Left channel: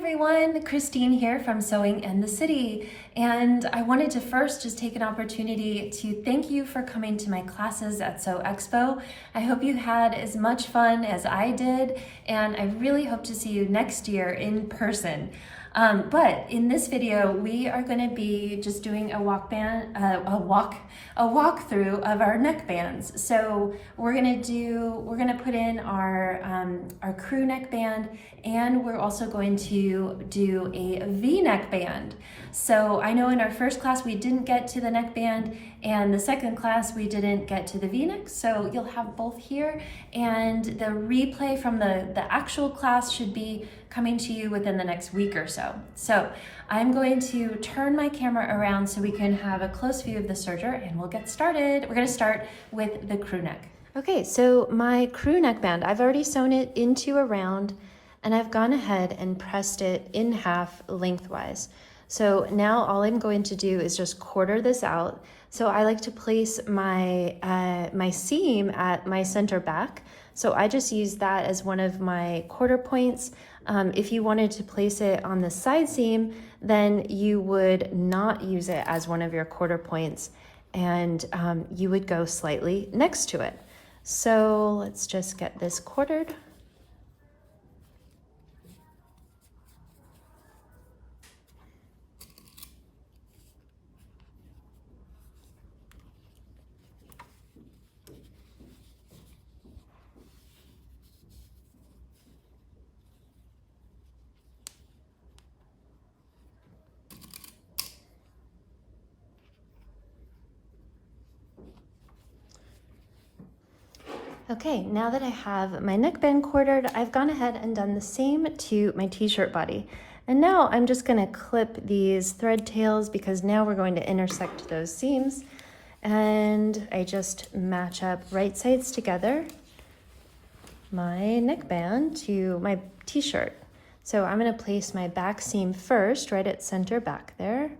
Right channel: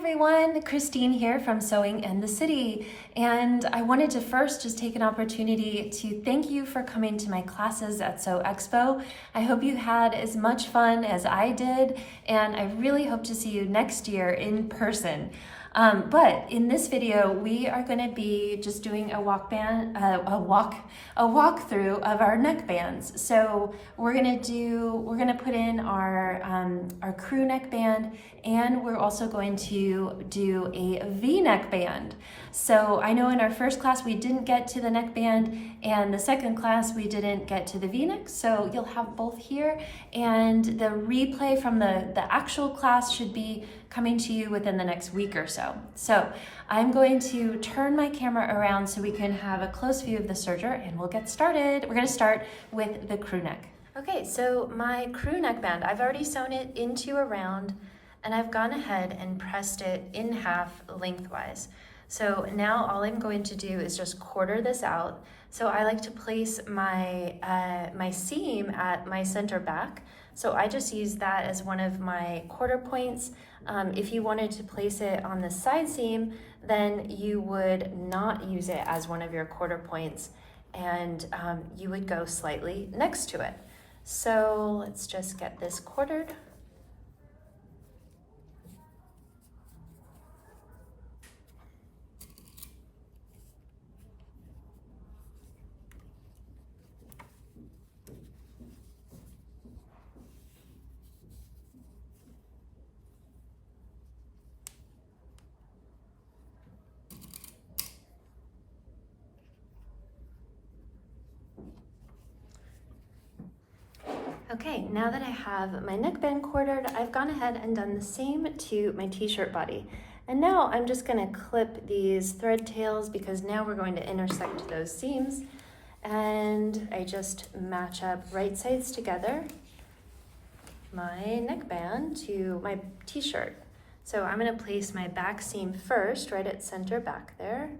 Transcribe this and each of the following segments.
everyone, Christine here from Sewing in the City, and I wanted to first just take an opportunity to thank you for coming to my classes at SewExpo. I hope you had as much fun as I did, and I really hope to see you next year in person. But in this video, we are going to be just doing a walkthrough of our neckbands. So we're going to put in our crew neckband, and we're also going to do a V neckband. So I know in our first class we didn't get to the neckband, and the second class we didn't get to the V-neck, so you'll have both here, and the replay from the actual class should be coming to you within the next week or so. So I'm going to turn my camera around so we can have a close view of the serger, and we'll get started. We're going to start with the crew neck. Okay, so my crew neckband, I've already sewn it into a round, and I've gone ahead and pressed it in half lengthwise. So now all I'm going to do is just quarter this out. So I like to place my my seam at my center back. So I just use that as one of my quarter points. If you wanted to place it on the side seam, then you would not use it as one of your quarter points, and you would go slightly next to it. So let's just get this quartered. Okay, now that I have my neckband quartered, I've gone ahead and done the same to my t-shirt body. And now I'm just gonna clip these thread tails because now we're going to intersect those seams. And I just match up right sides together my neckband to my t-shirt. So I'm gonna place my back seam first, right at center back there.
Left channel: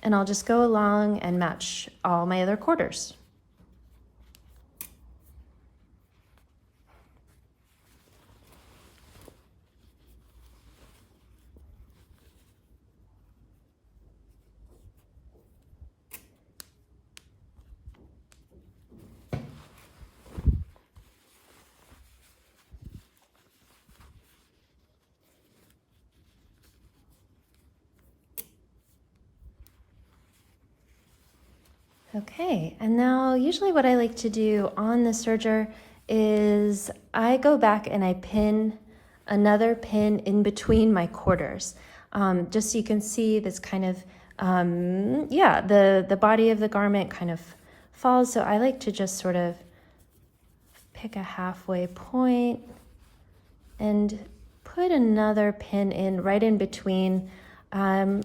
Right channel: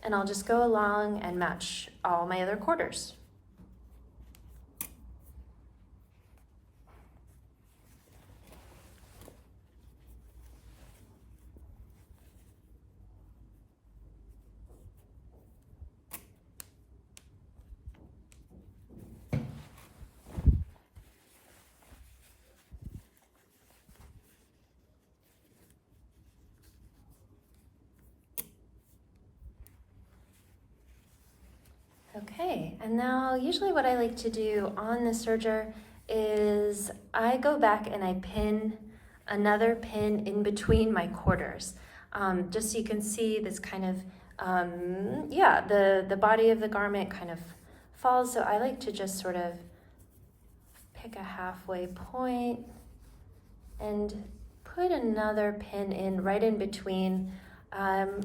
And I'll just go along and match all my other quarters. Okay, and now usually what I like to do on the serger is I go back and I pin another pin in between my quarters, just so you can see this kind of, the body of the garment kind of falls. So I like to just sort of pick a halfway point and put another pin in right in between,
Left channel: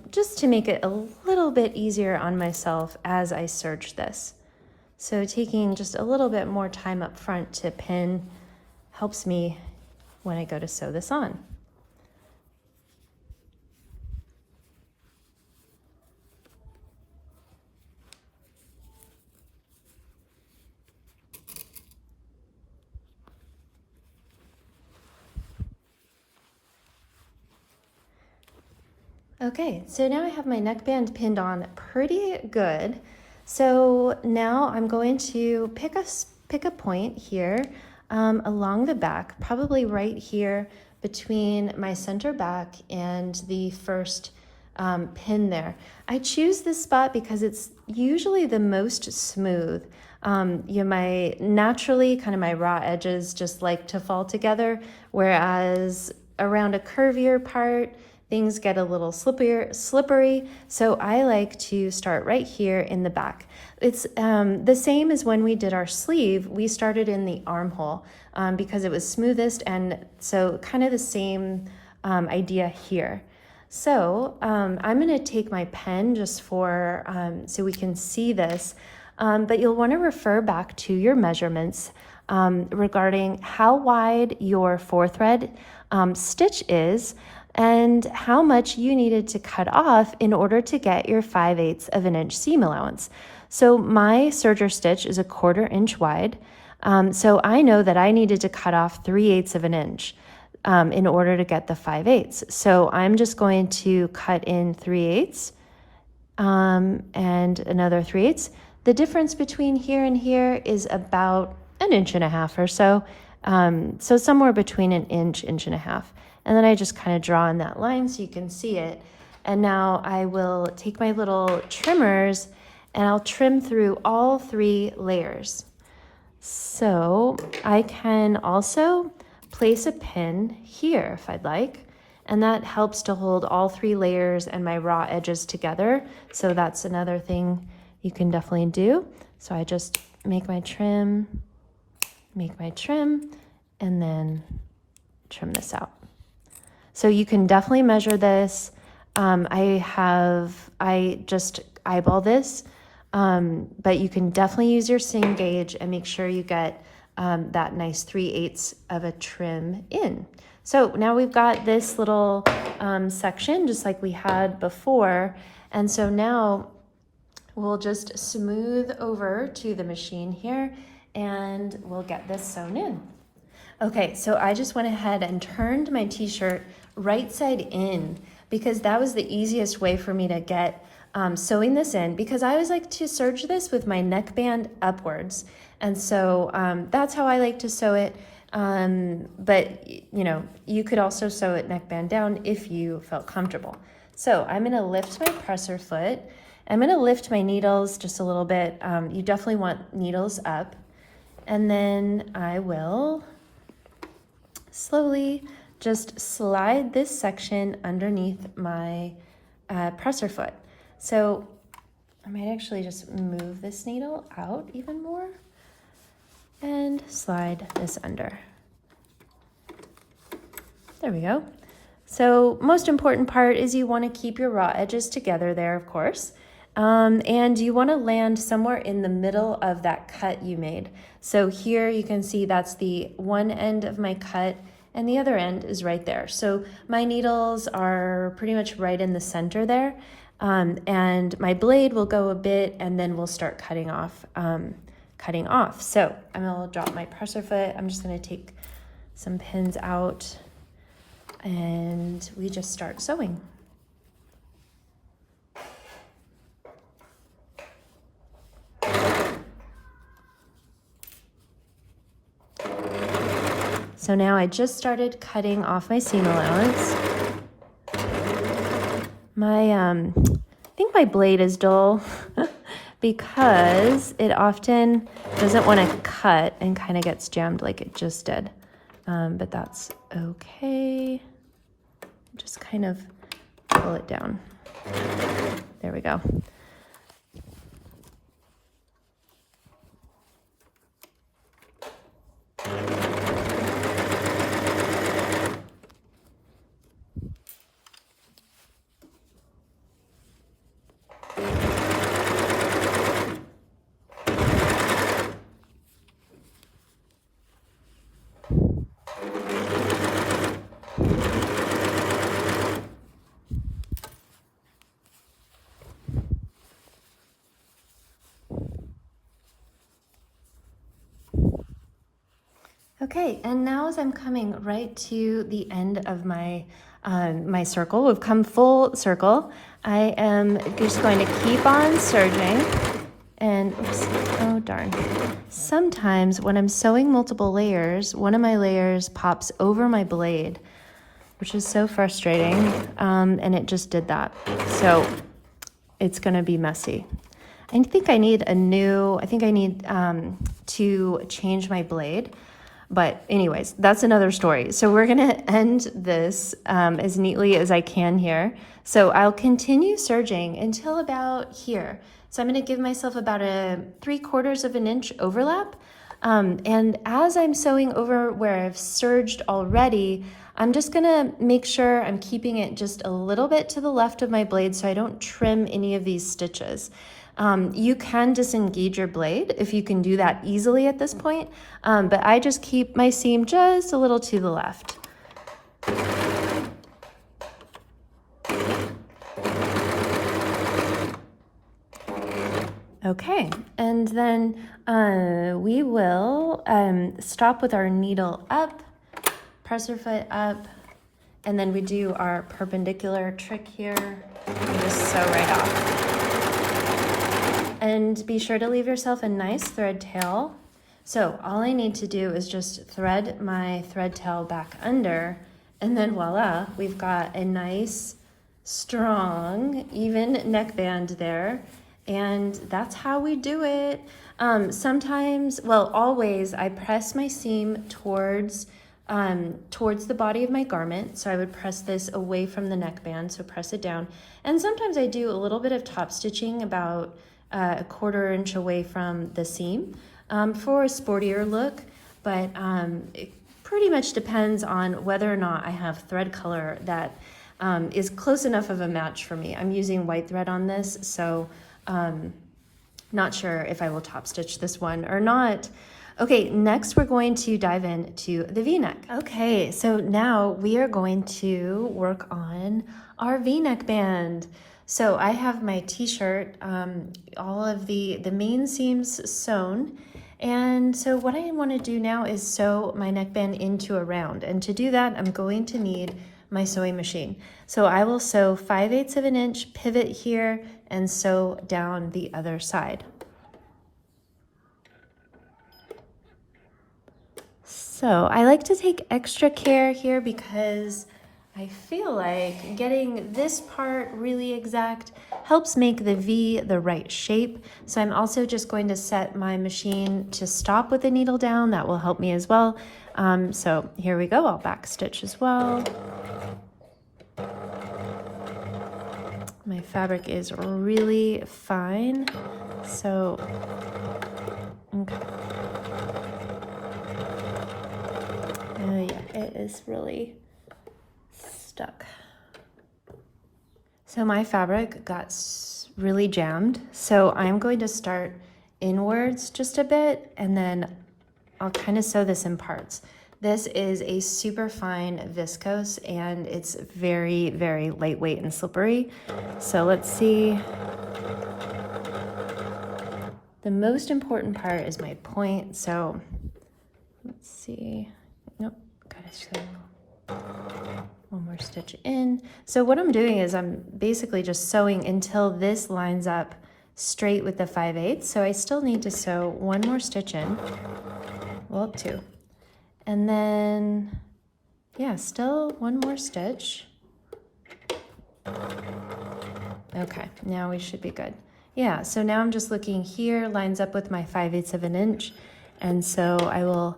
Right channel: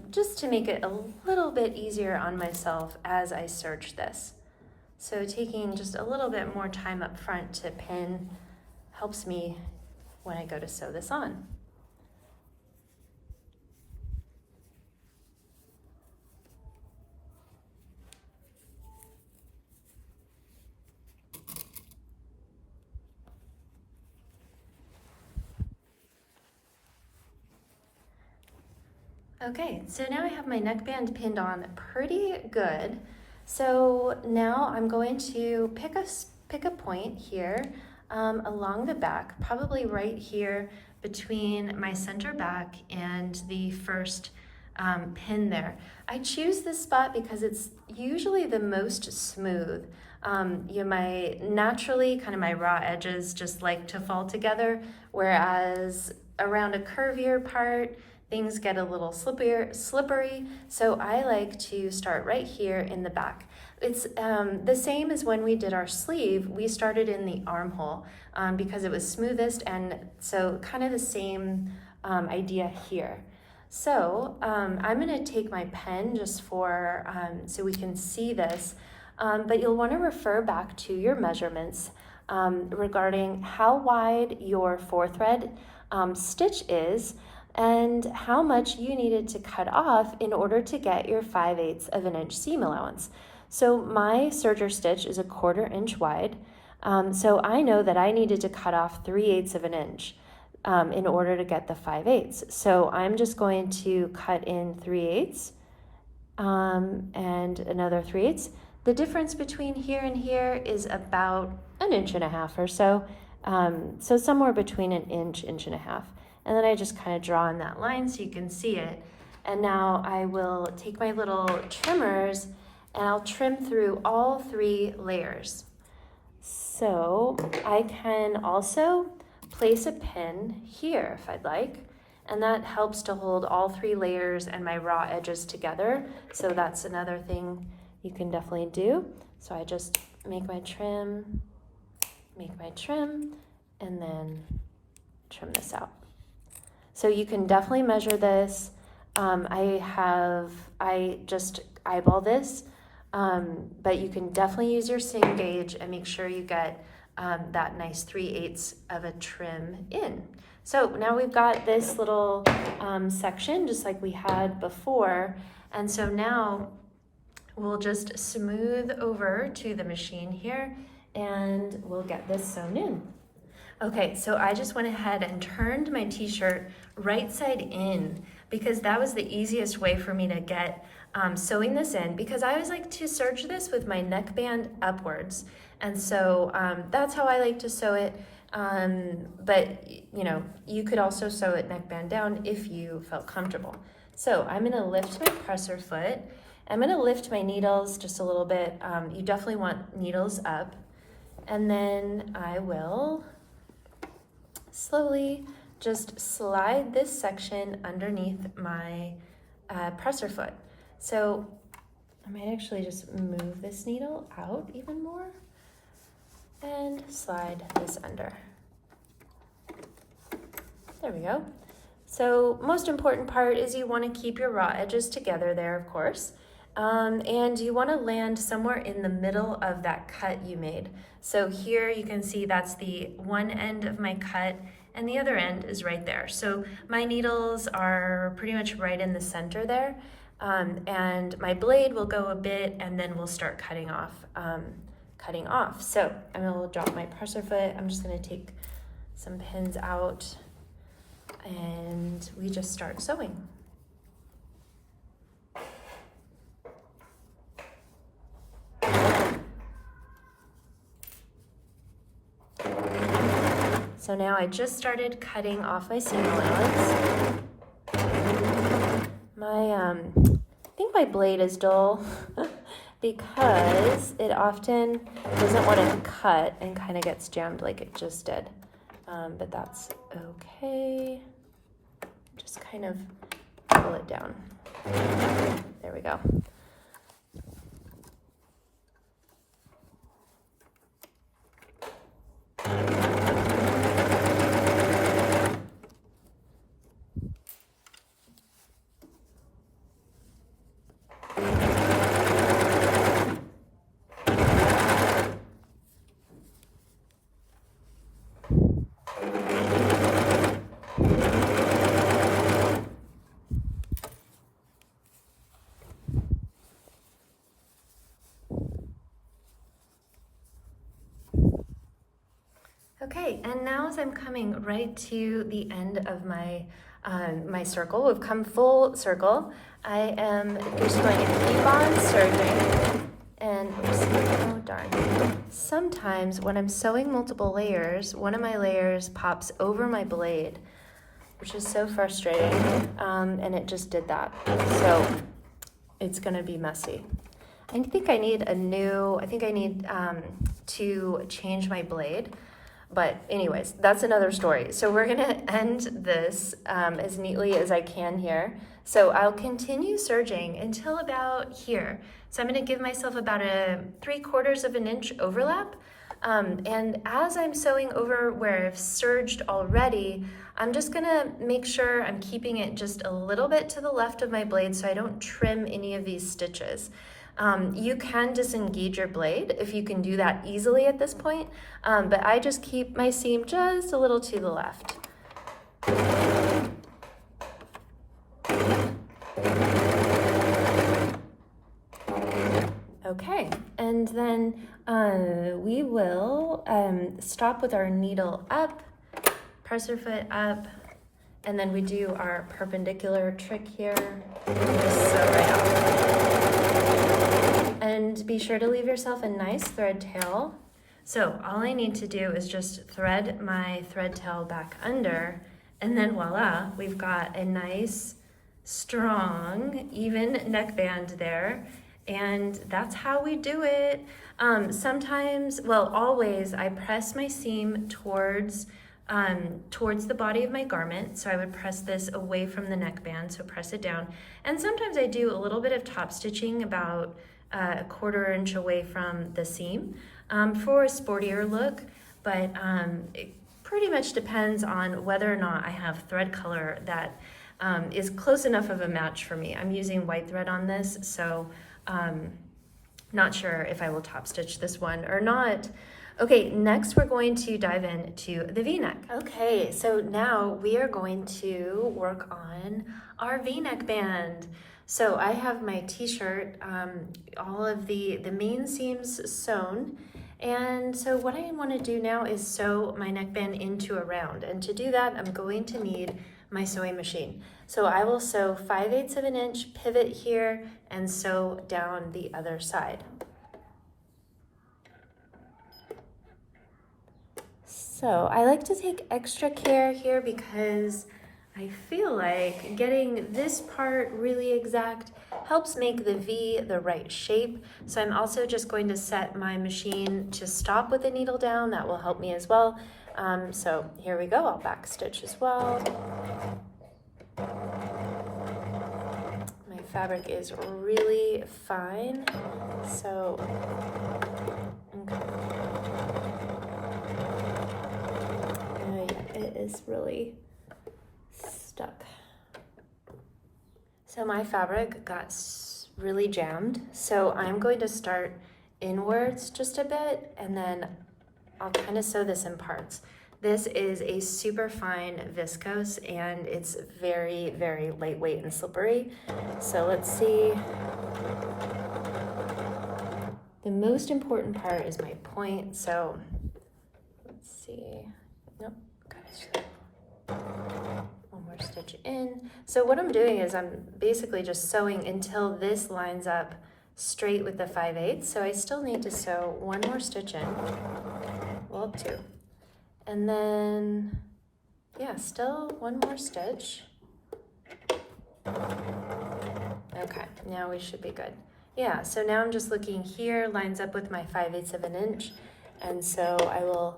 just to make it a little bit easier on myself as I serge this. So taking just a little bit more time up front to pin helps me when I go to sew this on. Okay, so now I have my neckband pinned on pretty good. So now I'm going to pick a point here along the back, probably right here between my center back and the first pin there. I choose this spot because it's usually the most smooth. Naturally kind of my raw edges just like to fall together, whereas around a curvier part, things get a little slippery, so I like to start right here in the back. It's the same as when we did our sleeve. We started in the armhole because it was smoothest, and so kind of the same idea here. So I'm gonna take my pen just for, so we can see this, but you'll wanna refer back to your measurements regarding how wide your 4-thread stitch is, and how much you needed to cut off in order to get your 5/8 of an inch seam allowance. So my serger stitch is 1/4 inch wide, So I know that I needed to cut off 3/8 of an inch in order to get the 5/8. So I'm just going to cut in 3/8 and another 3/8. The difference between here and here is about 1.5 inches or so. So somewhere between 1 inch, 1.5 inches. And then I just kind of draw in that line so you can see it. And now I will take my little trimmers and I'll trim through all 3 layers. So I can also place a pin here if I'd like, and that helps to hold all 3 layers and my raw edges together. So that's another thing you can definitely do. So I just make my trim, and then trim this out. So you can definitely measure this. I just eyeball this, but you can definitely use your sing gauge and make sure you get that nice 3/8 of a trim in. So now we've got this little section just like we had before. And so now we'll just smooth over to the machine here and we'll get this sewn in. Okay, so I just went ahead and turned my t-shirt right side in because that was the easiest way for me to get sewing this in, because I always like to serge this with my neckband upwards. And so that's how I like to sew it. But you know, you could also sew it neckband down if you felt comfortable. So I'm gonna lift my presser foot. I'm gonna lift my needles just a little bit. You definitely want needles up. And then I will slowly just slide this section underneath my presser foot. So I might actually just move this needle out even more and slide this under. There we go. So most important part is you want to keep your raw edges together there, of course. And you want to land somewhere in the middle of that cut you made. So here you can see that's the one end of my cut and the other end is right there. So my needles are pretty much right in the center there. And my blade will go a bit and then we'll start cutting off. So I'm gonna drop my presser foot. I'm just gonna take some pins out and we just start sewing. So now I just started cutting off my seam allowance. I think my blade is dull because it often doesn't want to cut and kind of gets jammed like it just did. But that's okay. Just kind of pull it down. There we go. Okay, and now as I'm coming right to the end of my my circle, we've come full circle, I am just going to keep on serging. And oh darn, sometimes when I'm sewing multiple layers, one of my layers pops over my blade, which is so frustrating, and it just did that. So it's gonna be messy. I think I need to change my blade. But anyways, that's another story. So we're gonna end this as neatly as I can here. So I'll continue serging until about here. So I'm gonna give myself about a 3/4 of an inch overlap. And as I'm sewing over where I've serged already, I'm just gonna make sure I'm keeping it just a little bit to the left of my blade so I don't trim any of these stitches. You can disengage your blade if you can do that easily at this point, but I just keep my seam just a little to the left. Okay, and then we will stop with our needle up, press our foot up, and then we do our perpendicular trick here. Just sew right off. And be sure to leave yourself a nice thread tail. So all I need to do is just thread my thread tail back under, and then voila, we've got a nice, strong, even neckband there. And that's how we do it. Sometimes, well, always, I press my seam towards the body of my garment. So I would press this away from the neckband, so press it down. And sometimes I do a little bit of top stitching about a 1/4 inch away from the seam for a sportier look, but it pretty much depends on whether or not I have thread color that is close enough of a match for me. I'm using white thread on this, so not sure if I will top stitch this one or not. Okay, next we're going to dive into the V-neck. Okay, so now we are going to work on our V-neck band. So I have my t-shirt, all of the main seams sewn. And so what I want to do now is sew my neckband into a round. And to do that, I'm going to need my sewing machine. So I will sew 5/8 of an inch, pivot here, and sew down the other side. So I like to take extra care here because I feel like getting this part really exact helps make the V the right shape. So I'm also just going to set my machine to stop with the needle down. That will help me as well. So here we go, I'll back stitch as well. My fabric is really fine, so, okay. It is really stuck. So my fabric got really jammed, so I'm going to start inwards just a bit, and then I'll kind of sew this in parts. This is a super fine viscose, and it's very, very lightweight and slippery. So let's see. The most important part is my point, so let's see. Nope, one more stitch in. So what I'm doing is I'm basically just sewing until this lines up straight with the 5/8. So I still need to sew one more stitch in, well, 2. And then, yeah, still one more stitch. Okay, now we should be good. Yeah, so now I'm just looking here, lines up with my 5/8 of an inch. And so I will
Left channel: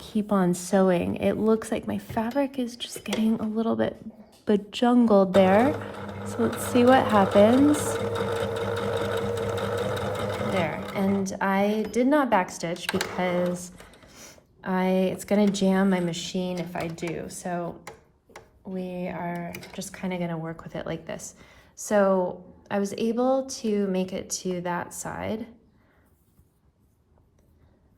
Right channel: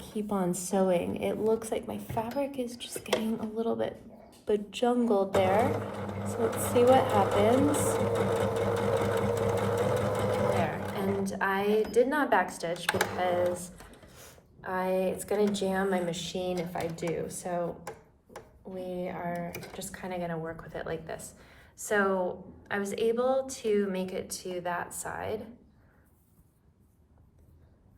keep on sewing. It looks like my fabric is just getting a little bit bejungled there. So let's see what happens. There, and I did not backstitch because it's gonna jam my machine if I do. So we are just kind of gonna work with it like this. So I was able to make it to that side.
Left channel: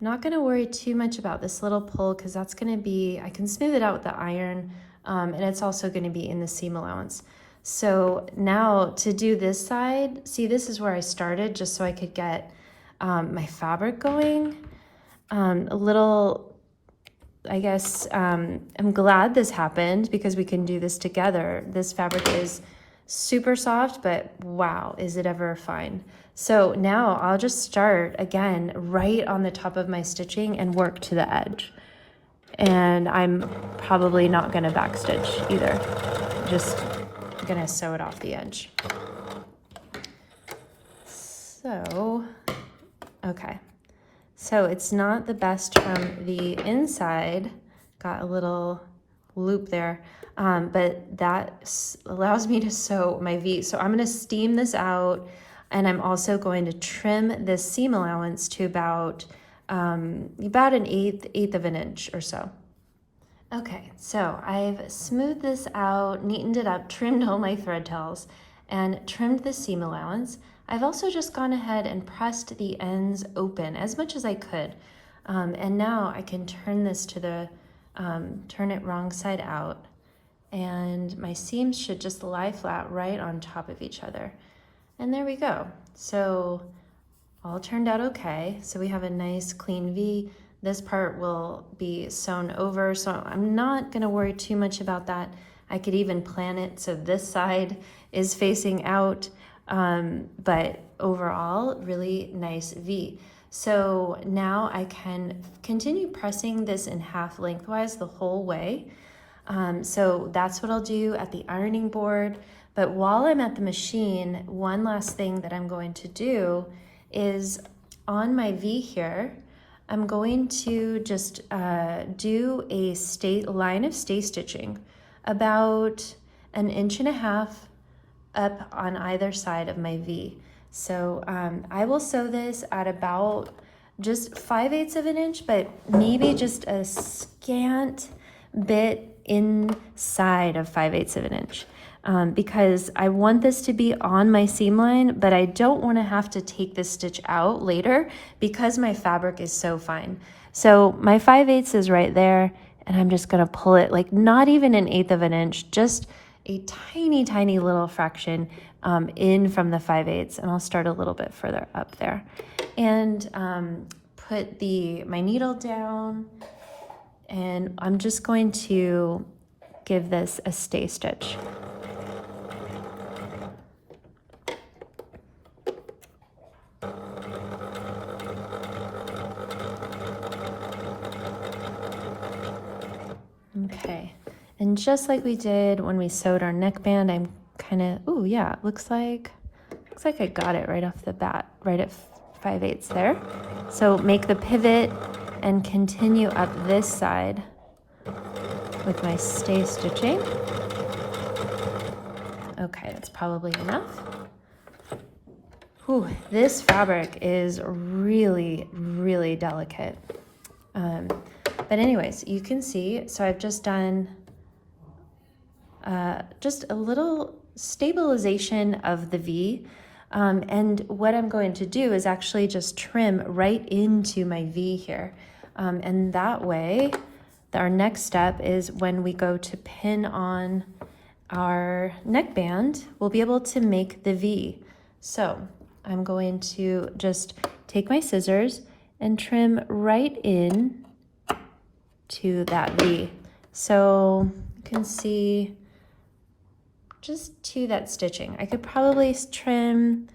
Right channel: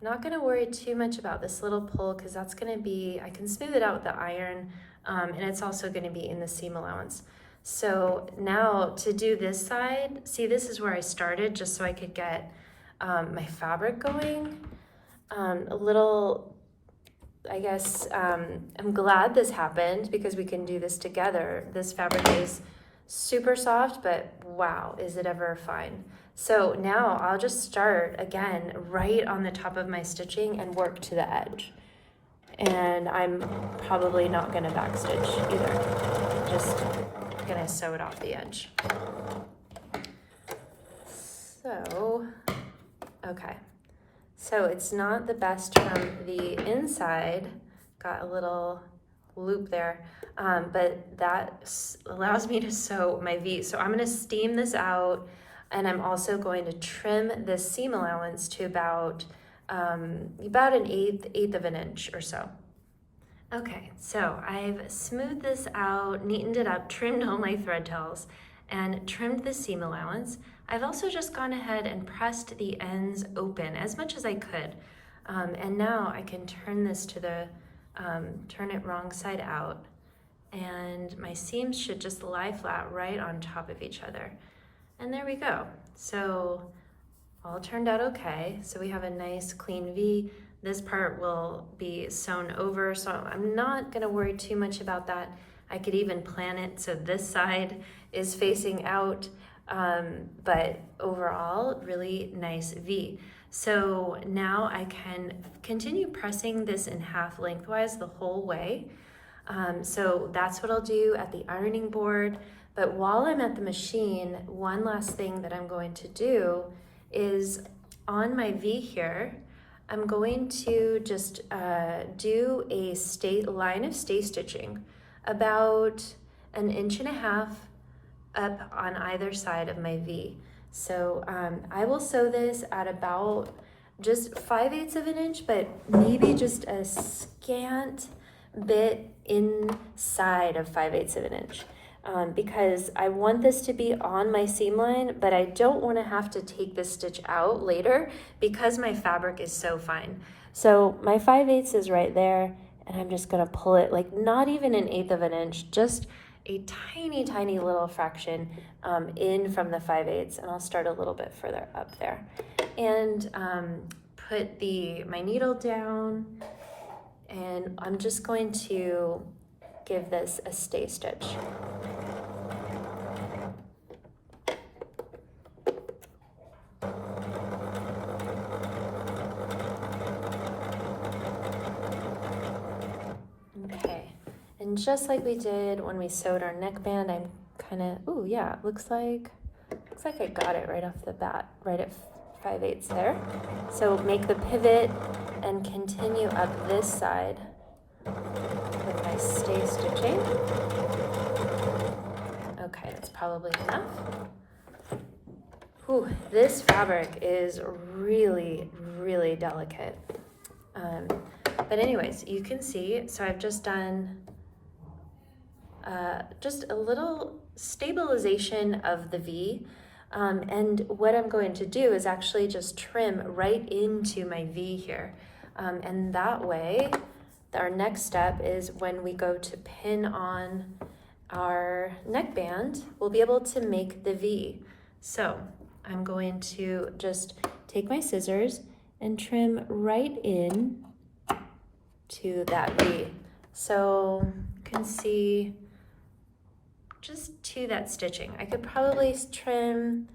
I'm not gonna worry too much about this little pull because that's gonna be, I can smooth it out with the iron, and it's also gonna be in the seam allowance. So now to do this side, see, this is where I started just so I could get my fabric going. A little, I guess, I'm glad this happened because we can do this together. This fabric is super soft, but wow, is it ever fine. So now I'll just start again right on the top of my stitching and work to the edge. And I'm probably not gonna backstitch either. Just gonna sew it off the edge. So, okay. So it's not the best from the inside, got a little loop there, but that allows me to sew my V. So I'm gonna steam this out, and I'm also going to trim this seam allowance to about an eighth of an inch or so. Okay, so I've smoothed this out, neatened it up, trimmed all my thread tails, and trimmed the seam allowance. I've also just gone ahead and pressed the ends open as much as I could. And now I can turn this to the, turn it wrong side out. And my seams should just lie flat right on top of each other. And there we go. So all turned out okay. So we have a nice clean V. This part will be sewn over, so I'm not gonna worry too much about that. I could even plan it so this side is facing out, but overall, really nice V. So now I can continue pressing this in half lengthwise the whole way. So that's what I'll do at the ironing board. But while I'm at the machine, one last thing that I'm going to do is on my V here, I'm going to just do a line of stay stitching about 1.5 inches up on either side of my V. So I will sew this at about just 5/8 of an inch, but maybe just a scant bit inside of 5/8 of an inch. Because I want this to be on my seam line, but I don't want to have to take this stitch out later because my fabric is so fine. So my 5/8 is right there, and I'm just going to pull it like not even 1/8 of an inch, just a tiny, tiny little fraction in from the 5/8, and I'll start a little bit further up there. And put my needle down, and I'm just going to give this a stay stitch. Okay, and just like we did when we sewed our neckband, I'm kind of, oh yeah, it looks like I got it right off the bat, right at 5/8 there. So make the pivot and continue up this side with my stay stitching. Okay, that's probably enough. Ooh, this fabric is really, really delicate. But anyways, you can see, so I've just done just a little stabilization of the V. And what I'm going to do is actually just trim right into my V here. And that way, our next step is when we go to pin on our neckband, we'll be able to make the V. So I'm going to just take my scissors and trim right in to that V. So you can see just to that stitching. I could probably trim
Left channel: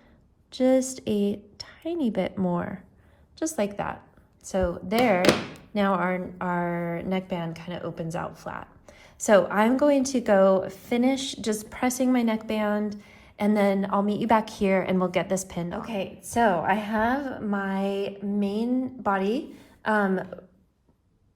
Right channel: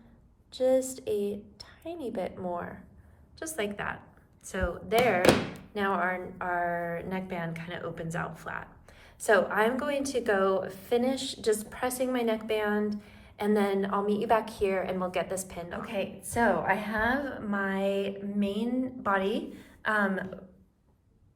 just a tiny bit more, just like that. So there, now our neckband kind of opens out flat. So I'm going to go finish just pressing my neckband, and then I'll meet you back here and we'll get this pinned on. Okay, so I have my main body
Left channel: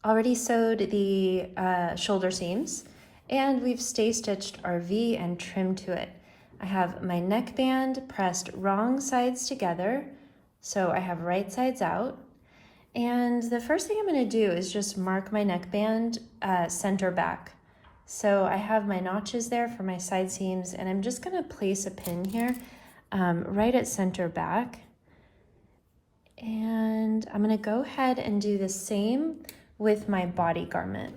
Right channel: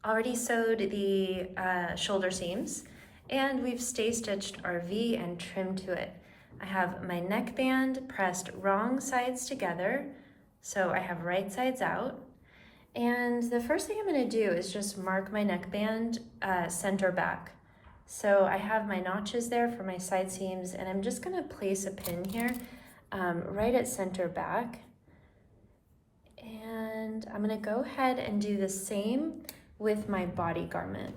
already sewed the shoulder seams, and we've stay stitched our V and trimmed to it. I have my neckband pressed wrong sides together, so I have right sides out. And the first thing I'm going to do is just mark my neckband center back. So I have my notches there for my side seams, and I'm just going to place a pin here right at center back. And I'm going to go ahead and do the same with my body garment,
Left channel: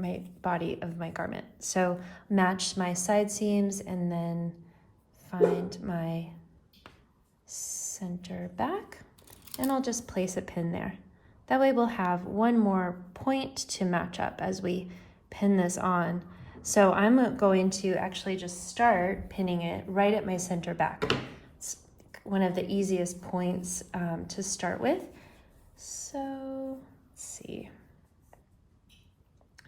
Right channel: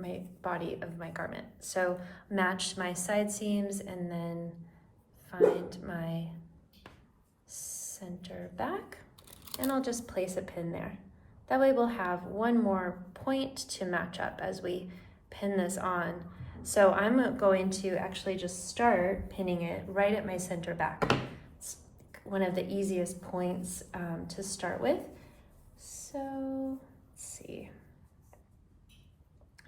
my body of my garment. So match my side seams and then find my center back, and I'll just place a pin there. That way we'll have one more point to match up as we pin this on. So I'm going to actually just start pinning it right at my center back. It's one of the easiest points to start with. So let's see.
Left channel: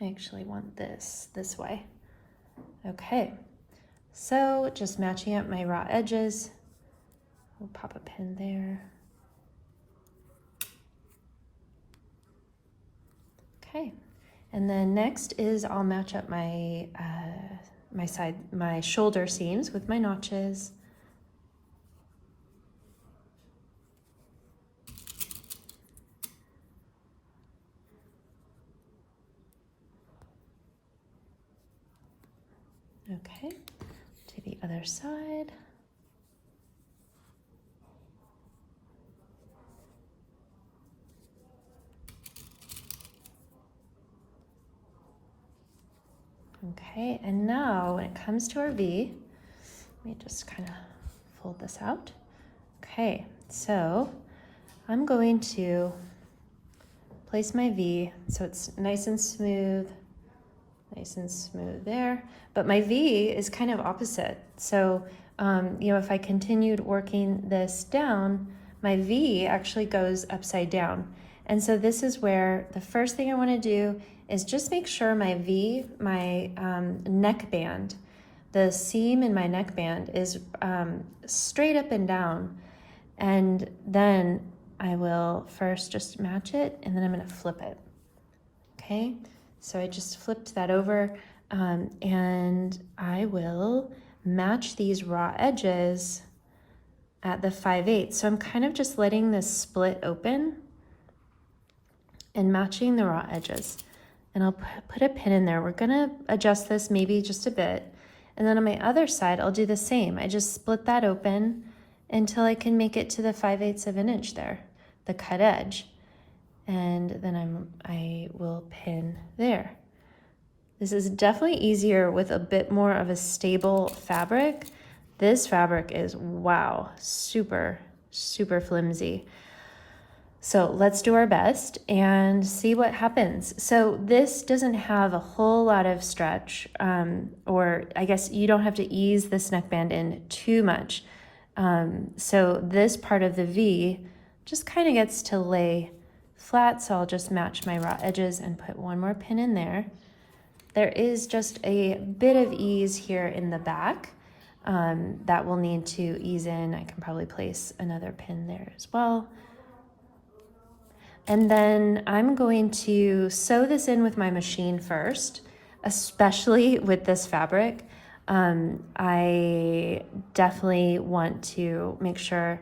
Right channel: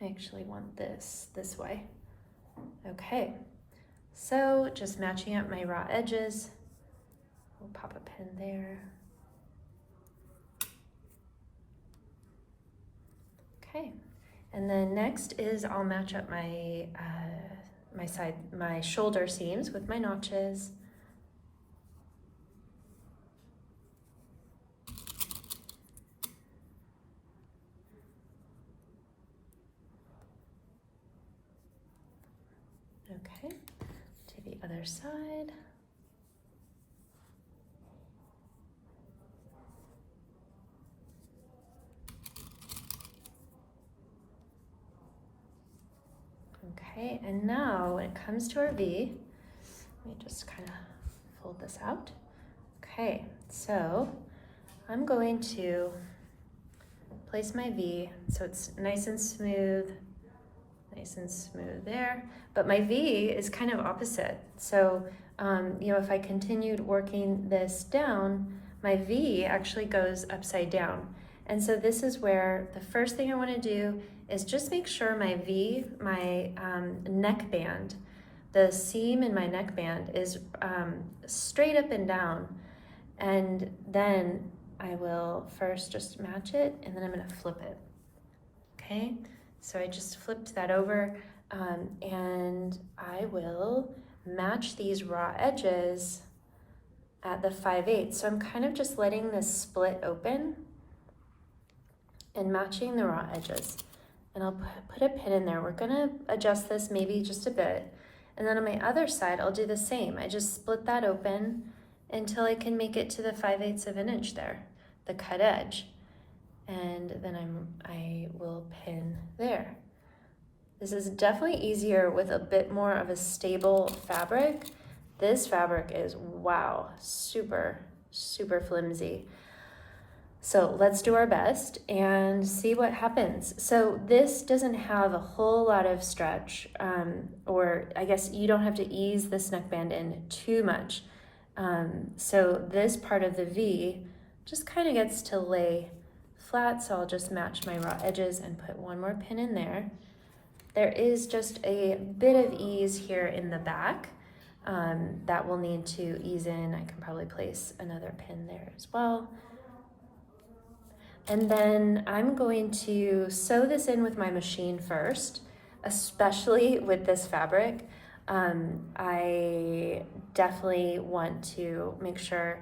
I actually want this way. Okay, so just matching up my raw edges. We'll pop a pin there. Okay, and then next is I'll match up my my shoulder seams with my notches. Okay, to the other side. Okay, and now when it comes to our V, let me just kind of fold this out. Okay, so I'm going to place my V so it's nice and smooth there. But my V is kind of opposite. So, you know, if I continued working this down, my V actually goes upside down. And so this is where the first thing I want to do is just make sure my V, my neckband, the seam in my neckband is straight up and down. And then I will first just match it, and then I'm going to flip it. Okay, so I just flipped that over, and I will match these raw edges at the 5/8. So I'm kind of just letting this split open and matching the raw edges. And I'll put a pin in there. We're gonna adjust this maybe just a bit. And then on my other side, I'll do the same. I just split that open until I can make it to the 5/8 of an inch there, the cut edge. And then I will pin there. This is definitely easier with a bit more of a stable fabric. This fabric is, wow, super, super flimsy. So let's do our best and see what happens. So this doesn't have a whole lot of stretch, or I guess you don't have to ease this neckband in too much. So this part of the V just kind of gets to lay flat, so I'll just match my raw edges and put one more pin in there. There is just a bit of ease here in the back that we'll need to ease in. I can probably place another pin there as well. And then I'm going to sew this in with my machine first, especially with this fabric. I definitely want to make sure,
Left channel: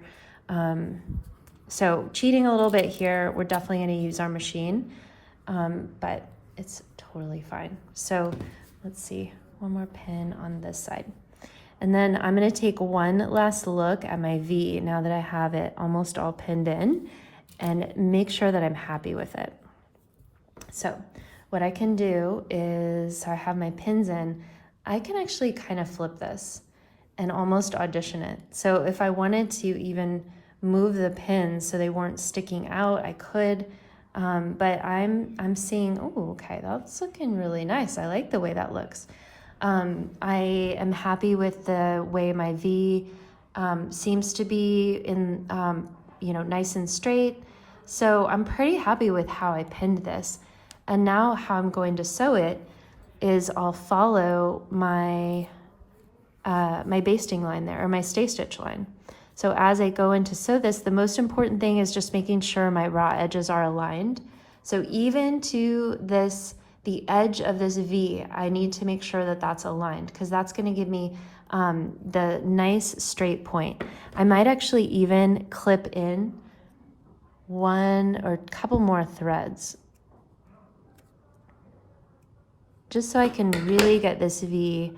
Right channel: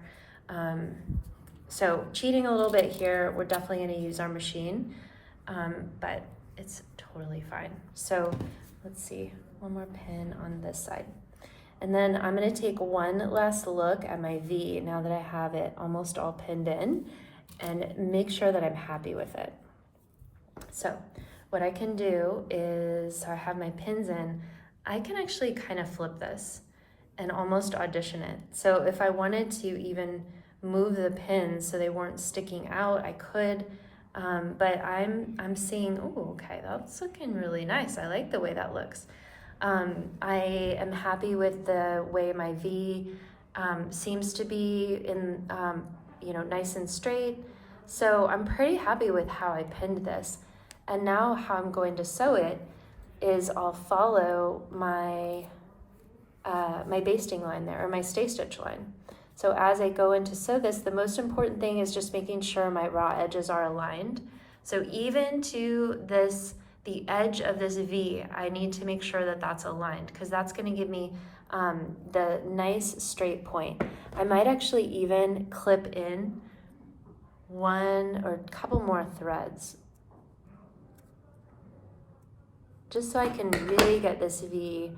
so cheating a little bit here, we're definitely gonna use our machine, but it's totally fine. So let's see, one more pin on this side. And then I'm gonna take one last look at my V now that I have it almost all pinned in, and make sure that I'm happy with it. So what I can do is, so I have my pins in, I can actually kind of flip this and almost audition it. So if I wanted to even move the pins so they weren't sticking out, I could, but I'm seeing, oh, okay, that's looking really nice. I like the way that looks. I am happy with the way my V seems to be in, you know, nice and straight. So I'm pretty happy with how I pinned this. And now how I'm going to sew it is I'll follow my my basting line there, or my stay stitch line. So as I go in to sew this, the most important thing is just making sure my raw edges are aligned. So even to this, the edge of this V, I need to make sure that that's aligned, because that's going to give me the nice straight point. I might actually even clip in one or a couple more threads, just so I can really get this V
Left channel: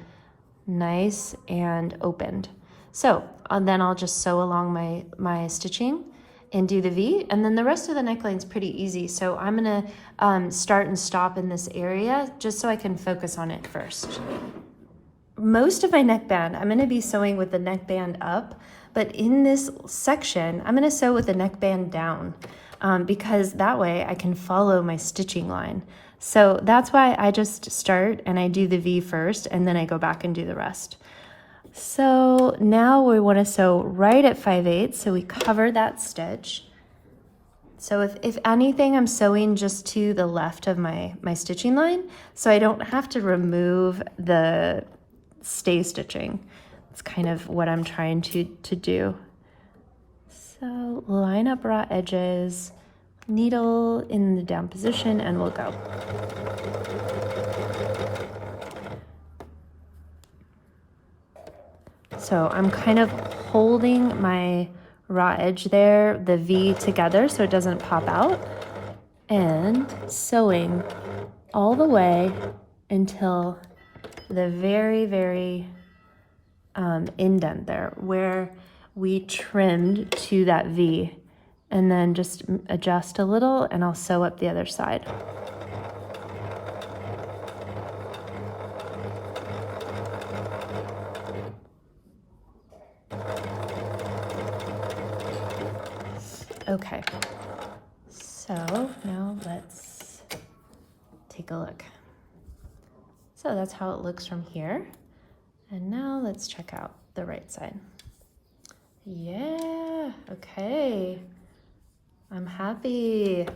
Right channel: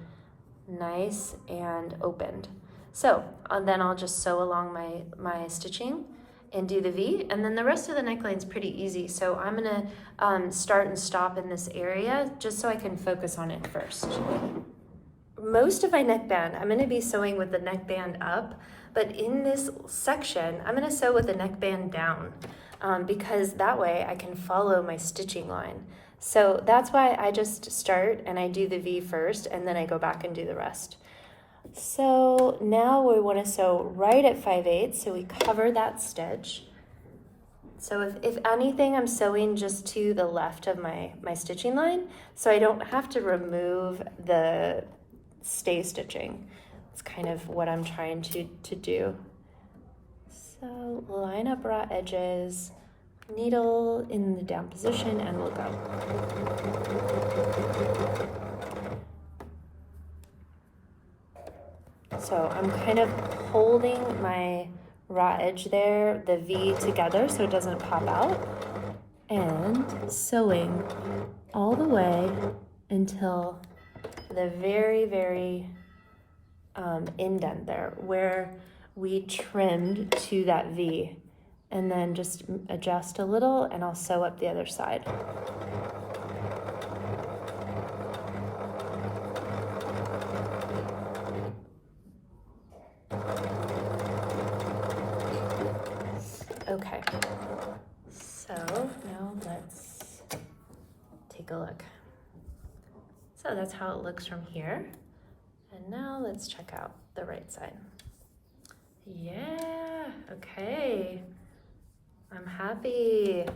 nice and opened. So then I'll just sew along my stitching and do the V, and then the rest of the neckline's pretty easy. So I'm gonna start and stop in this area just so I can focus on it first. Most of my neckband, I'm gonna be sewing with the neckband up, but in this section, I'm gonna sew with the neckband down because that way I can follow my stitching line. So that's why I just start and I do the V first, and then I go back and do the rest. So now we want to sew right at 5/8, so we cover that stitch. So if anything, I'm sewing just to the left of my stitching line, so I don't have to remove the stay stitching. It's kind of what I'm trying to do. So line up raw edges, needle in the down position, and we'll go. So I'm kind of holding my raw edge there, the V together, so it doesn't pop out, and sewing all the way until the very, very indent there where we trimmed to that V, and then just adjust a little and I'll sew up the other side. So that's how it looks from here. And now let's check out the right side. Yeah, okay. I'm happy.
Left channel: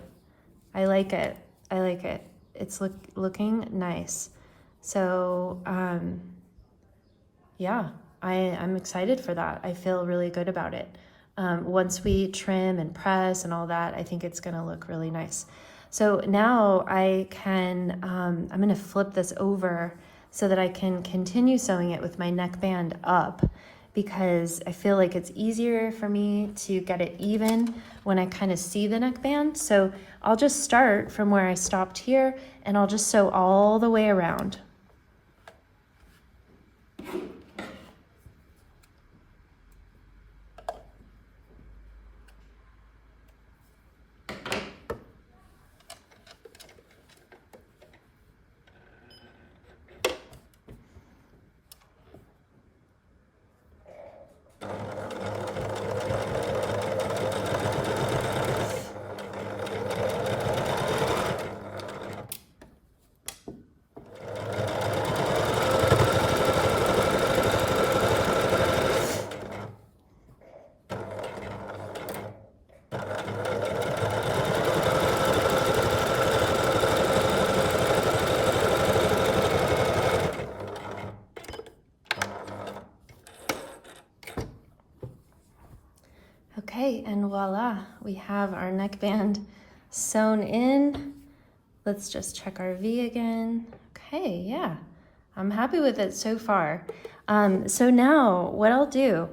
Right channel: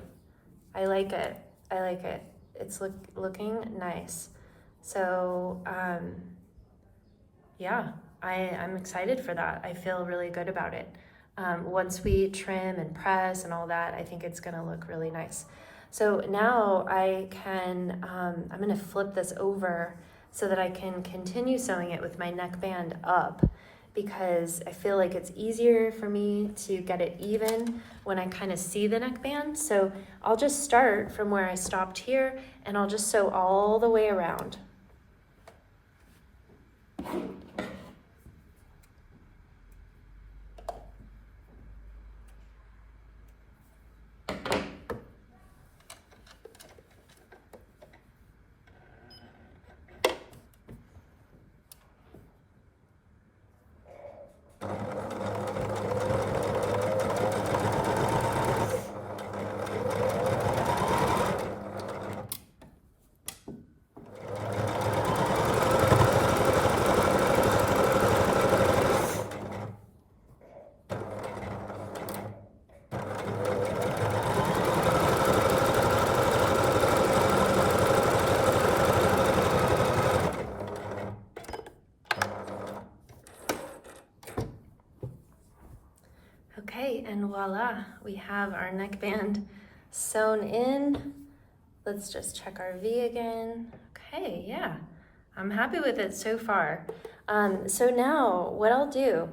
I like it. I like it. It's looking nice. So, yeah, I'm excited for that. I feel really good about it. Once we trim and press and all that, I think it's gonna look really nice. So now I can, I'm gonna flip this over so that I can continue sewing it with my neckband up, because I feel like it's easier for me to get it even when I kind of see the neckband. So I'll just start from where I stopped here and I'll just sew all the way around. Okay, and voila, we have our neckband sewn in. Let's just check our V again. Okay, yeah, I'm happy with it so far. So now what I'll do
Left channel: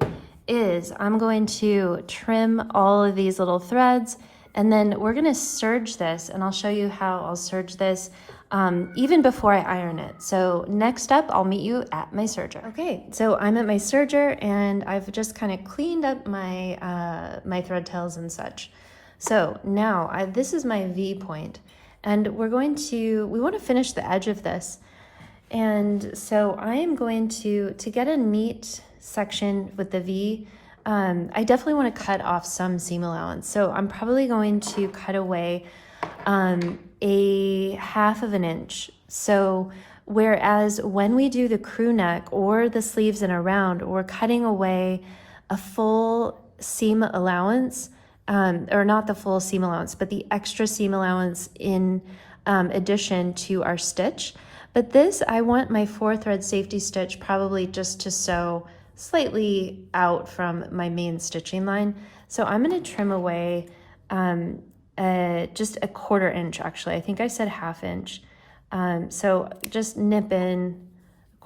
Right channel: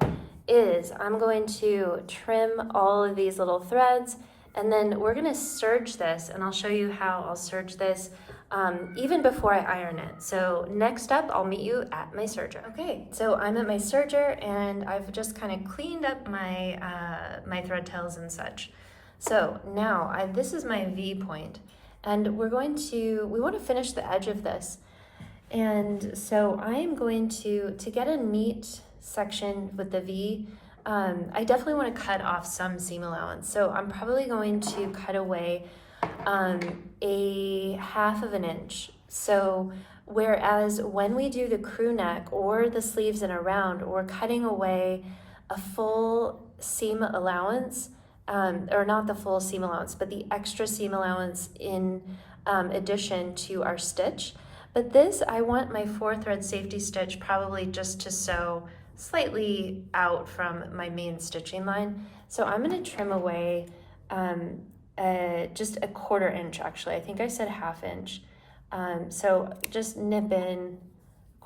is I'm going to trim all of these little threads, and then we're gonna serge this, and I'll show you how I'll serge this even before I iron it. So next up, I'll meet you at my serger. Okay, so I'm at my serger and I've just kind of cleaned up my, my thread tails and such. So now this is my V point, and we want to finish the edge of this. And so I am going to get a neat section with the V, I definitely want to cut off some seam allowance. So I'm probably going to cut away a 1/2 inch. So whereas when we do the crew neck or the sleeves and around, we're cutting away a full seam allowance, or not the full seam allowance, but the extra seam allowance in addition to our stitch. But this, I want my 4-thread safety stitch probably just to sew slightly out from my main stitching line. So I'm gonna trim away just a 1/4 inch, actually. I think I said 1/2 inch. So just nip in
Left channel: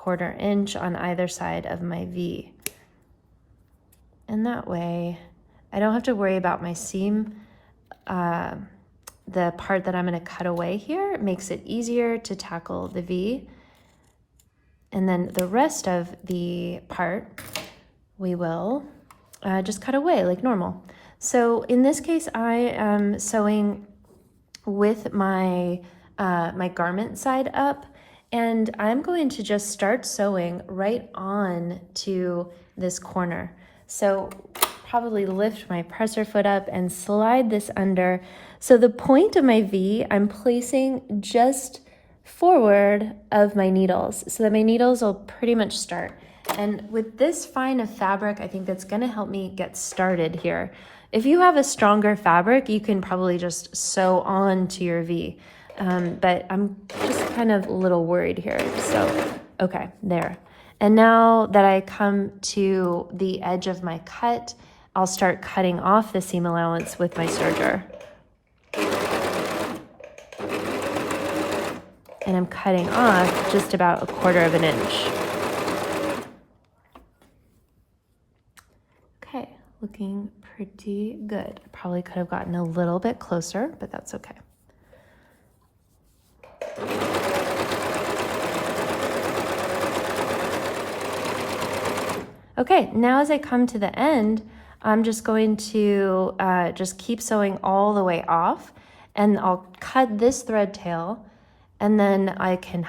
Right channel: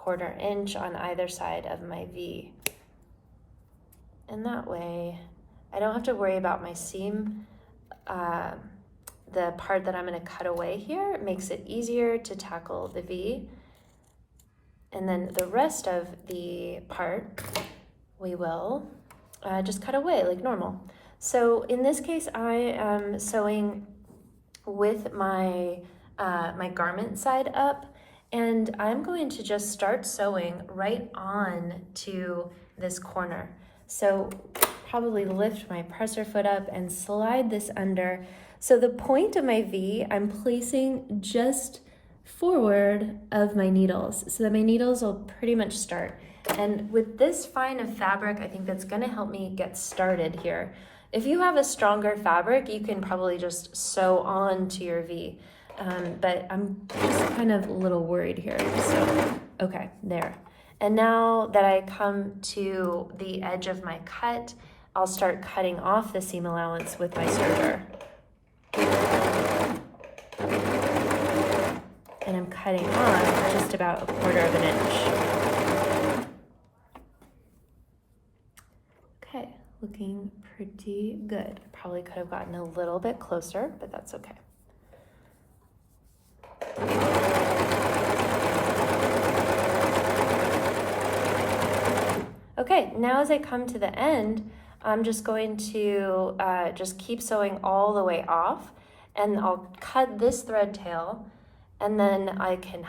1/4 inch on either side of my V. And that way, I don't have to worry about my seam, the part that I'm gonna cut away here. It makes it easier to tackle the V. And then the rest of the part, we will just cut away like normal. So in this case, I am sewing with my, my garment side up, and I'm going to just start sewing right on to this corner. So probably lift my presser foot up and slide this under. So the point of my V, I'm placing just forward of my needles so that my needles will pretty much start. And with this fine of fabric, I think that's gonna help me get started here. If you have a stronger fabric, you can probably just sew on to your V. But I'm just kind of a little worried here. So, okay, there. And now that I come to the edge of my cut, I'll start cutting off the seam allowance with my serger. And I'm cutting off just about 1/4 inch. Okay, looking pretty good. I probably could have gotten a little bit closer, but that's okay. Okay, now as I come to the end, I'm just going to just keep sewing all the way off, and I'll cut this thread tail, and then I can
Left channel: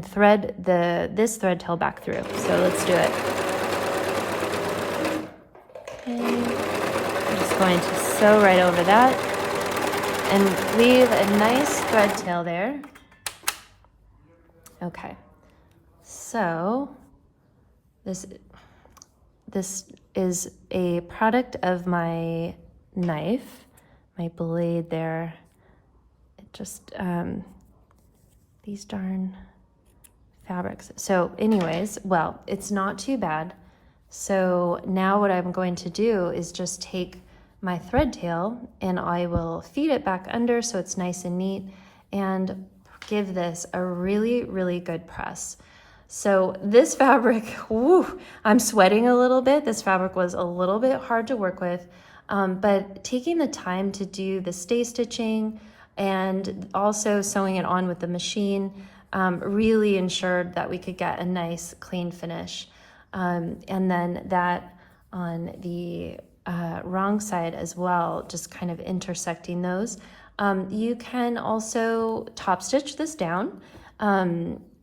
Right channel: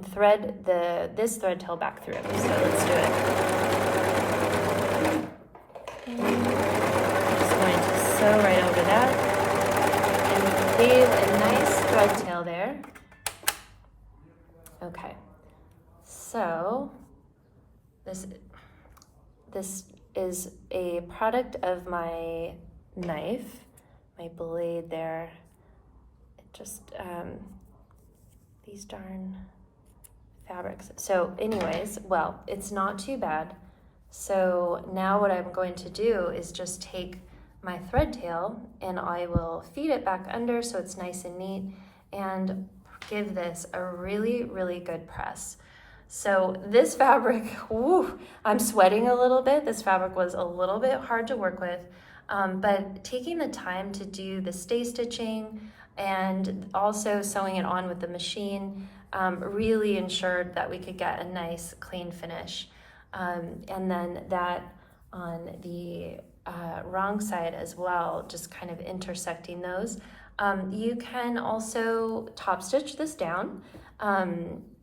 thread this thread tail back through. So let's do it. Okay. I'm just going to sew right over that and leave a nice thread tail there. Okay. So this is a product of my knife, my blade there. It just, these darn fabrics. So anyways, well, it's not too bad. So now what I'm going to do is just take my thread tail and I will feed it back under so it's nice and neat and give this a really, really good press. So this fabric, woo, I'm sweating a little bit. This fabric was a little bit hard to work with, but taking the time to do the stay stitching and also sewing it on with the machine really ensured that we could get a nice clean finish. And then that on the wrong side as well, just kind of intersecting those. You can also top stitch this down.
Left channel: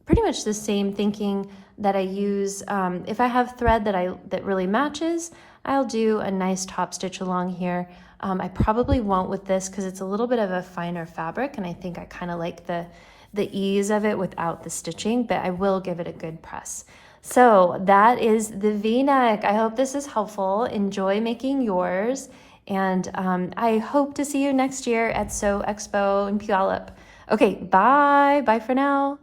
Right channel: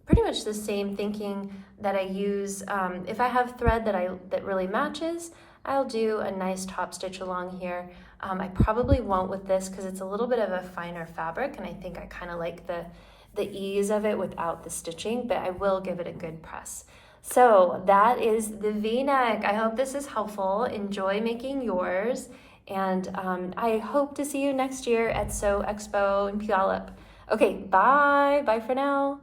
Pretty much the same thinking that I use. If I have thread that really matches, I'll do a nice top stitch along here. I probably won't with this because it's a little bit of a finer fabric and I think I kind of like the ease of it without the stitching, but I will give it a good press. So that is the V-neck. I hope this is helpful. Enjoy making yours. And I hope to see you next year at SewExpo in Puyallup. Okay, bye. Bye for now.